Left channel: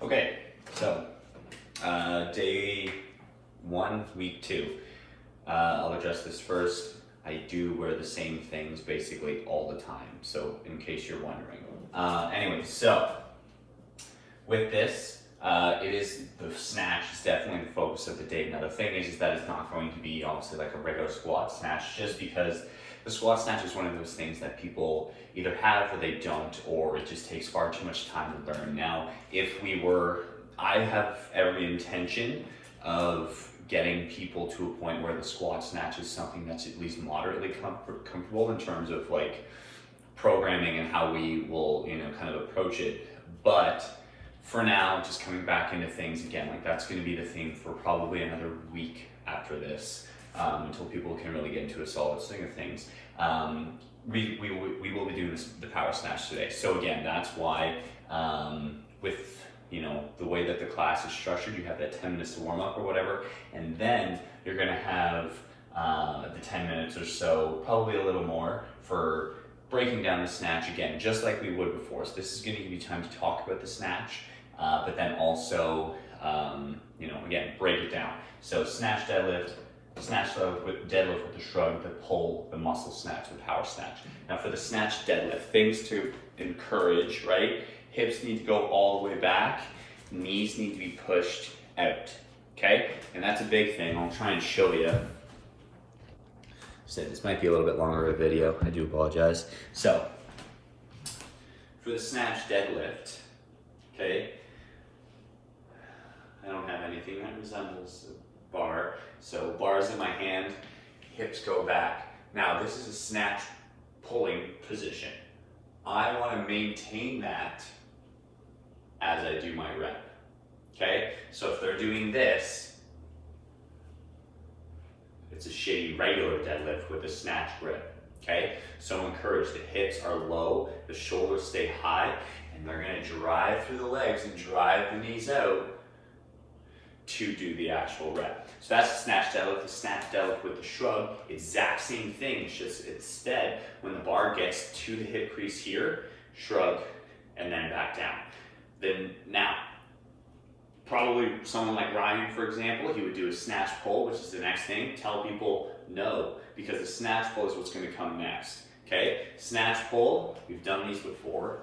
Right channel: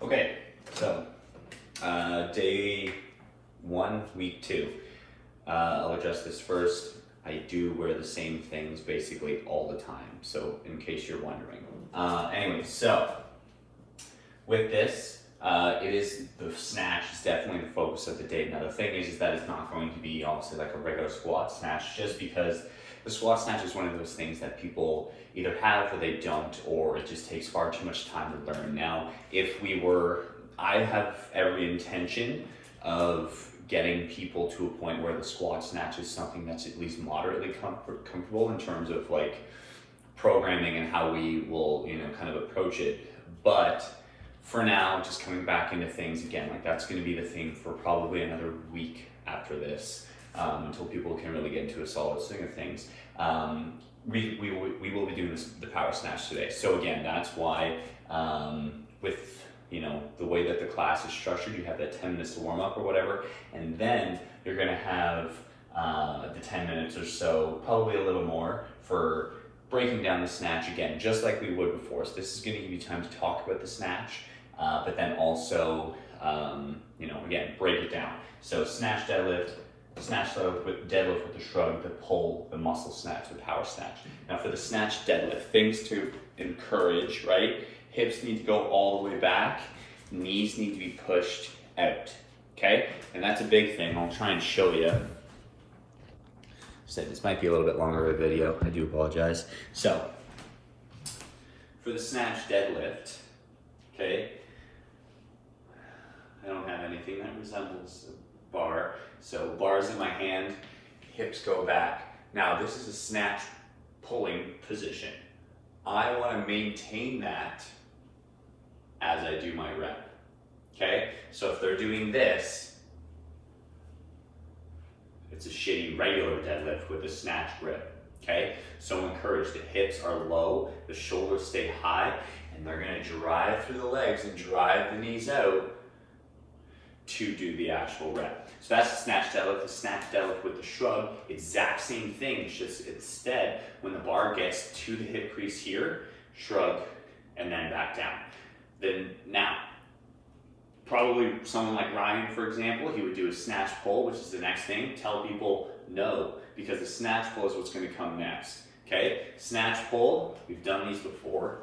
Okay, so day 1, week 2. I'll address this first. I do wear the same things basically all the time, so in case you're wondering. Anyway, so with this, it is the snatch is definitely the focus of the day. Now the thing is that it's not going to be obviously like a regular squat snatch, just because the squat snatch is one of those things that people either have or they don't, or it just takes far too much time to learn. Now, I have every intention of getting people to a point where the squat snatch is something that's at least moderately comfortable in terms of like programming and how we will, kind of approach it. But for now, just coming back into things again, like that's going to be the thing for probably another week after this, until people can really get into a solid swing of things. We will be doing the power snatch today. So again, that's why with the way that the class is structured, you have that 10 minutes to warm up or whatever, and then you're going to have the 10 minutes or so, probably a little more, for breaking down the snatch again, just like we would before. So this is going to give you time to talk about the snatch, but then also, again, break it down. So snatch deadlift with the shrug, the pull, the muscle snatch, the power snatch. Now for the snatch deadlift, things to encourage, right? Hips need to go all the way back, knees need to be pushed out, okay? And that's a big thing. I'll try and show you. So this might be a little bit longer of a video, I do apologize. So, for the snatch deadlift, okay, I don't have anything that resembles a bar. So bars in my hand, hips go back. Now this is a snatch pulling position. I want to maintain that as I do my rep, okay? So if they're doing this, it's a shitty regular deadlift with a snatch grip, okay? So encourage, the hips are low, the shoulders stay high, and they're gonna drive through the legs and drive the knees out to do the actual rep. So that's the snatch deadlift. The snatch deadlift with the shrug, exact same thing. It's just instead, when the bar gets to the hip crease here, shrug, and then back down. Then now, probably someone like Ryan, for example, he would do a snatch pull, which is the next thing. Tell people no, because the snatch pull is what's going to come next. Okay, snatch pull, we've done these before.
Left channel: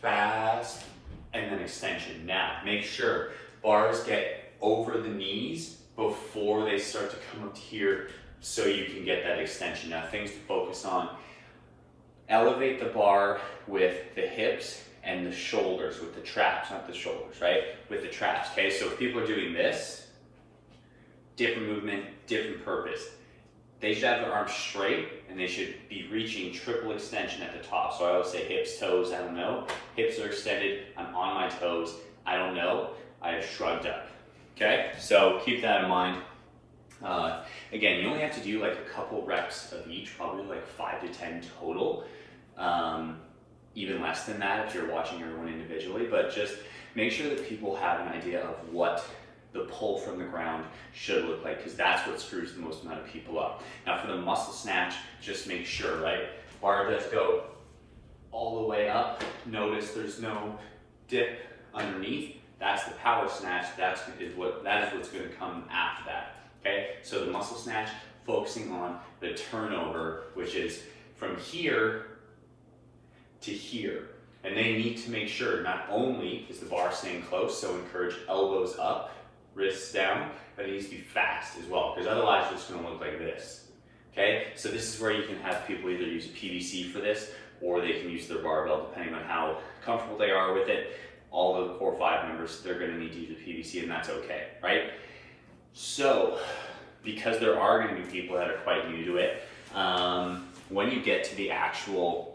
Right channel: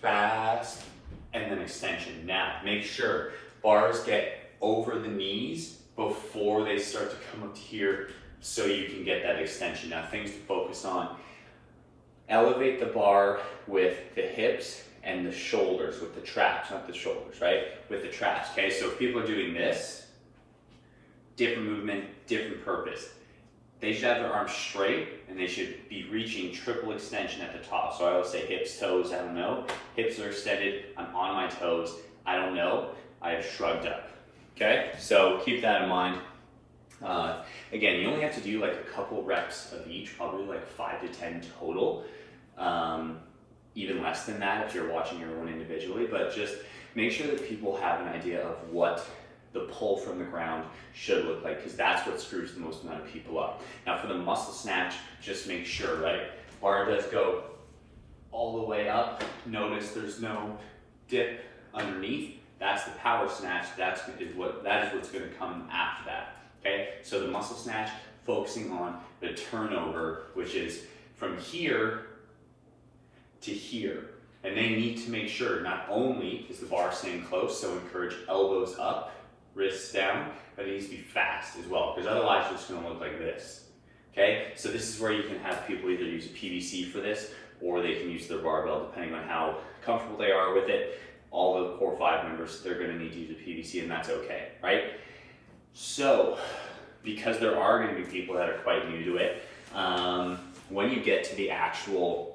Fast, and then extension. Now, make sure bars get over the knees before they start to come up here so you can get that extension. Now, things to focus on. Elevate the bar with the hips and the shoulders, with the traps, not the shoulders, right? With the traps, okay? So if people are doing this, different movement, different purpose. They should have their arms straight and they should be reaching triple extension at the top. So I always say hips, toes, I don't know. Hips are extended, I'm on my toes, I don't know, I have shrugged up, okay? So keep that in mind. Again, you only have to do like a couple reps of each, probably like 5 to 10 total. Even less than that if you're watching everyone individually, but just make sure that people have an idea of what the pull from the ground should look like, because that's what screws the most amount of people up. Now for the muscle snatch, just make sure, right? Bar does go all the way up. Notice there's no dip underneath. That's the power snatch. That is what's going to come after that. Okay, so the muscle snatch, focusing on the turnover, which is from here to here. And they need to make sure not only is the bar staying close, so encourage elbows up, wrists down, but it needs to be fast as well, because otherwise it's just going to look like this. Okay, so this is where you can have people either use a PVC for this, or they can use their barbell depending on how comfortable they are with it. All the core 5 members, they're going to need to use a PVC, and that's okay, right? So, because there are going to be people that are quite new to it, when you get to the actual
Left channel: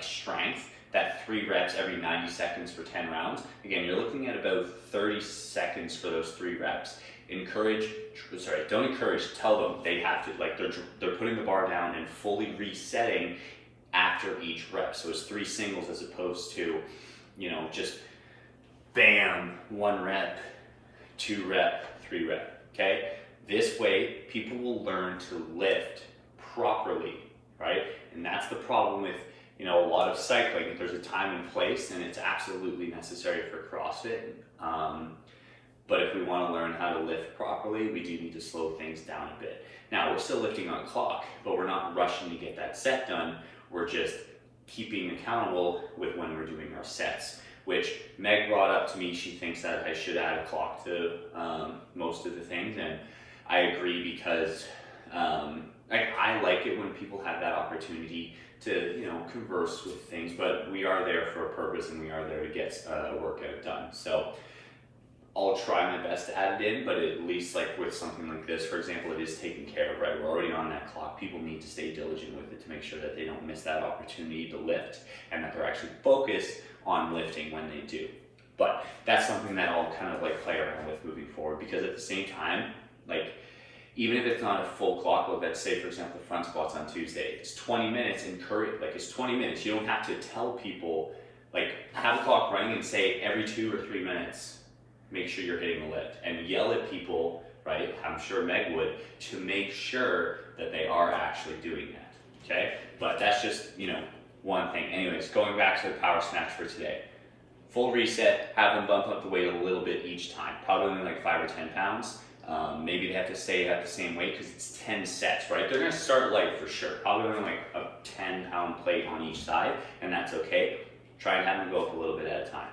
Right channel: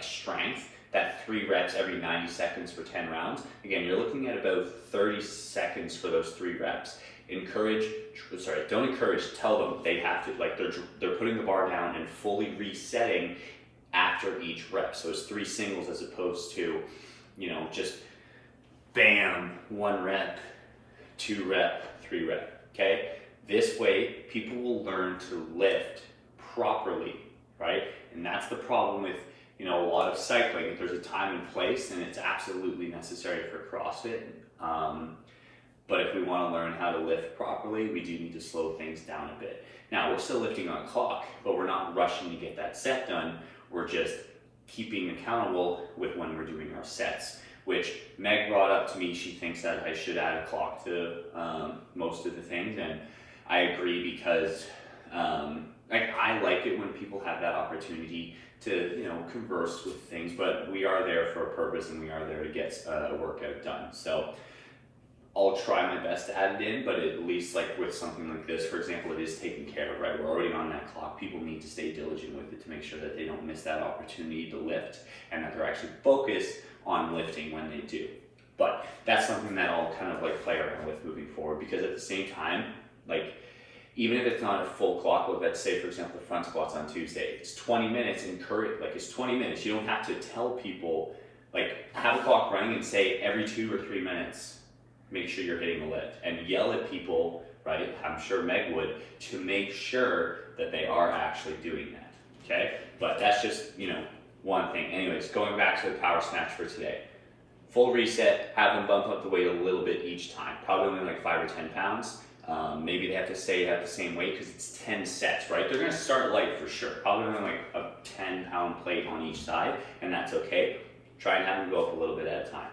strength, that 3 reps every 90 seconds for 10 rounds, again, you're looking at about 30 seconds for those 3 reps. Don't encourage, tell them they have to, they're putting the bar down and fully resetting after each rep. So it's 3 singles as opposed to, just bam, 1 rep, 2 rep, 3 rep, okay? This way, people will learn to lift properly, right? And that's the problem with a lot of cycling, there's a time and place, and it's absolutely necessary for CrossFit. But if we want to learn how to lift properly, we do need to slow things down a bit. Now, we're still lifting on a clock, but we're not rushing to get that set done. We're just keeping accountable with when we're doing our sets, which Meg brought up to me. She thinks that I should add a clock to most of the things, and I agree because I like it when people have that opportunity to converse with things, but we are there for a purpose, and we are there to get a workout done. So I'll try my best to add it in, but at least like with something like this, for example, it is taken care of, right? We're already on that clock. People need to stay diligent with it to make sure that they don't miss that opportunity to lift, and that they're actually focused on lifting when they do. But that's something that I'll kind of like play around with moving forward, because at the same time, like, even if it's not a full clock, well, let's say, for example, front squats on Tuesday, it's 20 minutes, it's 20 minutes. You don't have to tell people, like, have a clock running and say every 2 or 3 minutes, make sure you're hitting a lift, and yell at people, right? I'm sure Meg would, to make sure that they are actually doing that, okay? But that's just, one thing. Anyways, going back to the power snatch for today. Full reset, have them bump up the weight a little bit each time, probably only like 5 or 10 pounds. Maybe they have to stay at the same weight because it's 10 sets, right? They're gonna start light for sure. Probably only like a 10-pound plate on each side, and that's okay. Try and have them go up a little bit at a time.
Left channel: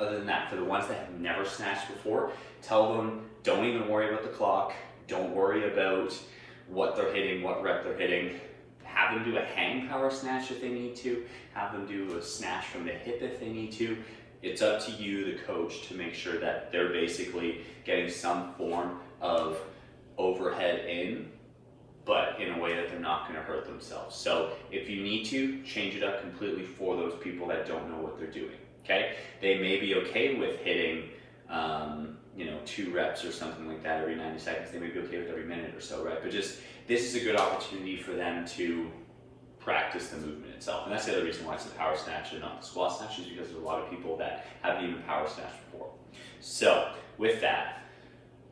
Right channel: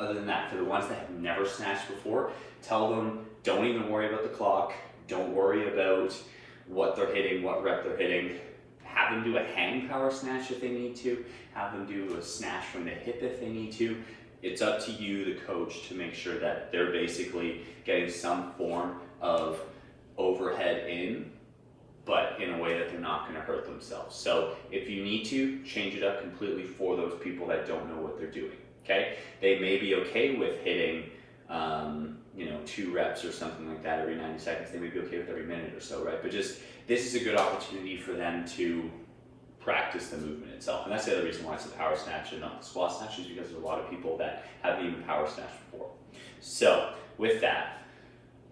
Other than that, for the ones that have never snatched before, tell them, don't even worry about the clock. Don't worry about what they're hitting, what rep they're hitting. Have them do a hang power snatch if they need to. Have them do a snatch from the hip if they need to. It's up to you, the coach, to make sure that they're basically getting some form of overhead in, but in a way that they're not going to hurt themselves. So if you need to, change it up completely for those people that don't know what they're doing, okay? They may be okay with hitting, 2 reps or something like that every 90 seconds. They may be okay with every minute or so, right? But just, this is a good opportunity for them to practice the movement itself. And that's the other reason why it's a power snatch and not the squat snatch, is because there's a lot of people that haven't even power snatched before. So with that,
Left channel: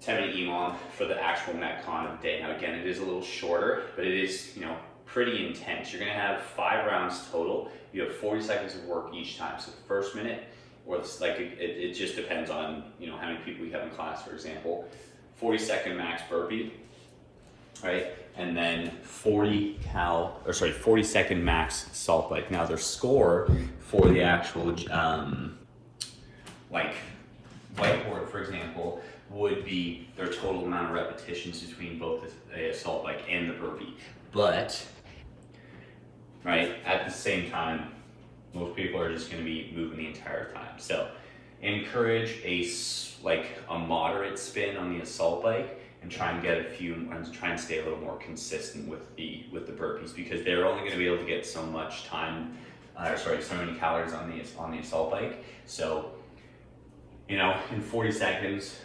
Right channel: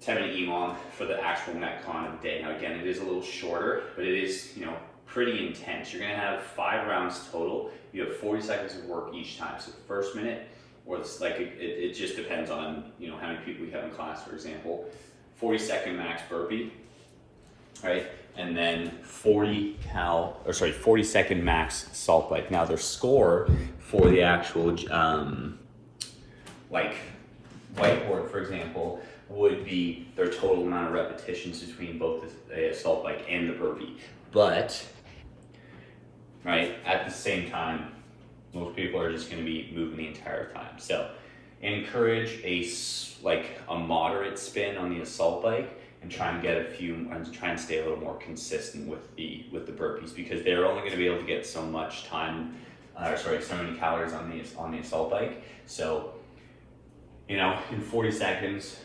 10-minute EMOM for the actual Metcon of the day. Now again, it is a little shorter, but it is, pretty intense. You're gonna have 5 rounds total. You have 40 seconds of work each time. So the first minute, or it just depends on, how many people you have in class, for example. 40-second max burpee, right? And then 40-second max salt bike. Now their score for the actual whiteboard, for example, would be their total amount of repetitions between both the assault bike and the burpee. But, right, at the same time, most people are just going to be moving the entire time. So encourage a moderate spin on the assault bike, and try and get try and stay a little more consistent with the burpees, because they're only going to be able to get so much time, so many calories on the assault bike. So, in 40 seconds,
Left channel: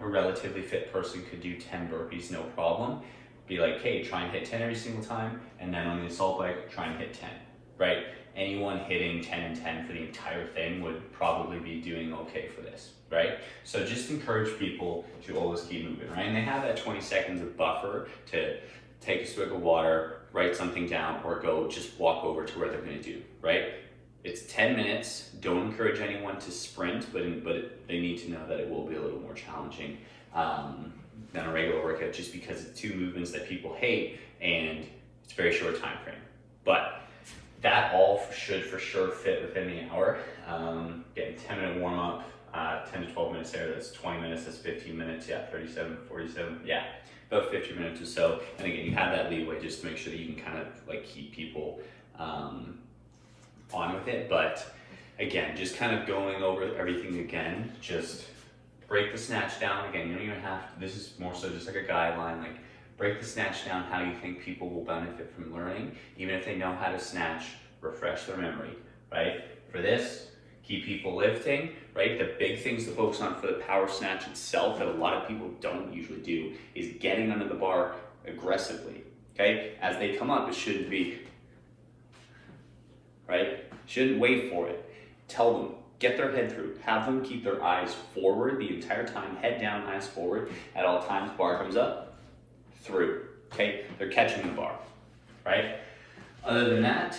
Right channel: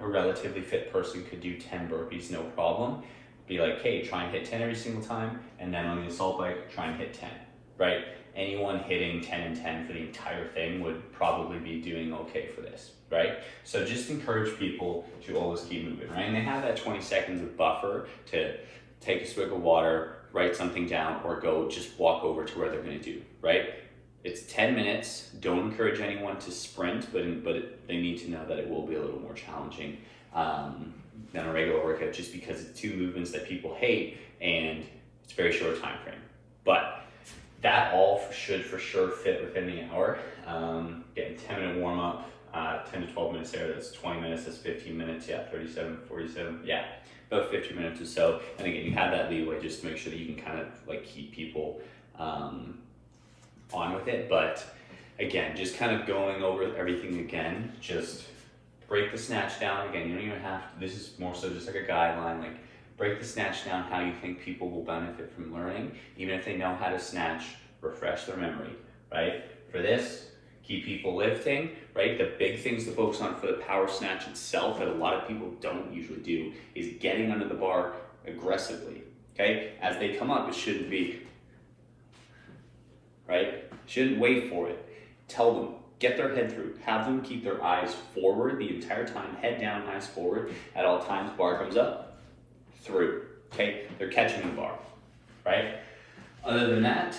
a relatively fit person could do 10 burpees, no problem. Be like, hey, try and hit 10 every single time, and then on the assault bike, try and hit 10, right? Anyone hitting 10 and 10 for the entire thing would probably be doing okay for this, right? So just encourage people to always keep moving, right? And they have that 20 seconds of buffer to take a swig of water, write something down, or go just walk over to where they're gonna do, right? It's 10 minutes. Don't encourage anyone to sprint, but they need to know that it will be a little more challenging than a regular workout, just because it's 2 movements that people hate, and it's a very short time frame. But that all should for sure fit within the hour. Getting 10-minute warm up, 10 to 12 minutes there, that's 20 minutes, that's 15 minutes, 37, 47, about 50 minutes or so. And again, you have that leeway just to make sure that you can kind of keep people on with it. But again, just kind of going over everything again, just break the snatch down. Again, you don't even have to, this is more so just like a guideline, break the snatch down how you think people will benefit from learning. Even if they know how to snatch, refresh their memory, right? For this, keep people lifting, right? The big things to focus on for the power snatch itself that a lot of people don't usually do is getting under the bar aggressively, okay? As they come up, it shouldn't be, right? Shouldn't wait for it. Tell them, get their head through. Have them keep their eyes forward the entire time, head down, eyes forward. At all times, bar comes up, through, okay? They're catching the bar, right? Other than that,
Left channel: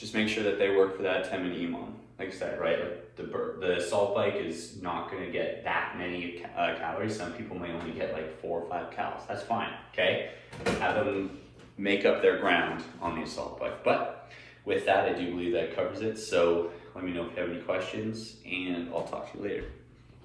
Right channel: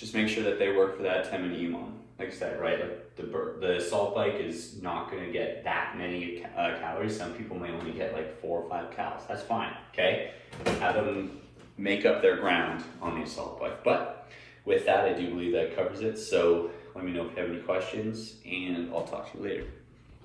just make sure that they work for that 10-minute EMOM. Like I said, right, like the assault bike is not going to get that many calories. Some people may only get like 4 or 5 calories. That's fine, okay? Have them make up their ground on the assault bike. But with that, I do believe that covers it. So let me know if you have any questions, and I'll talk to you later.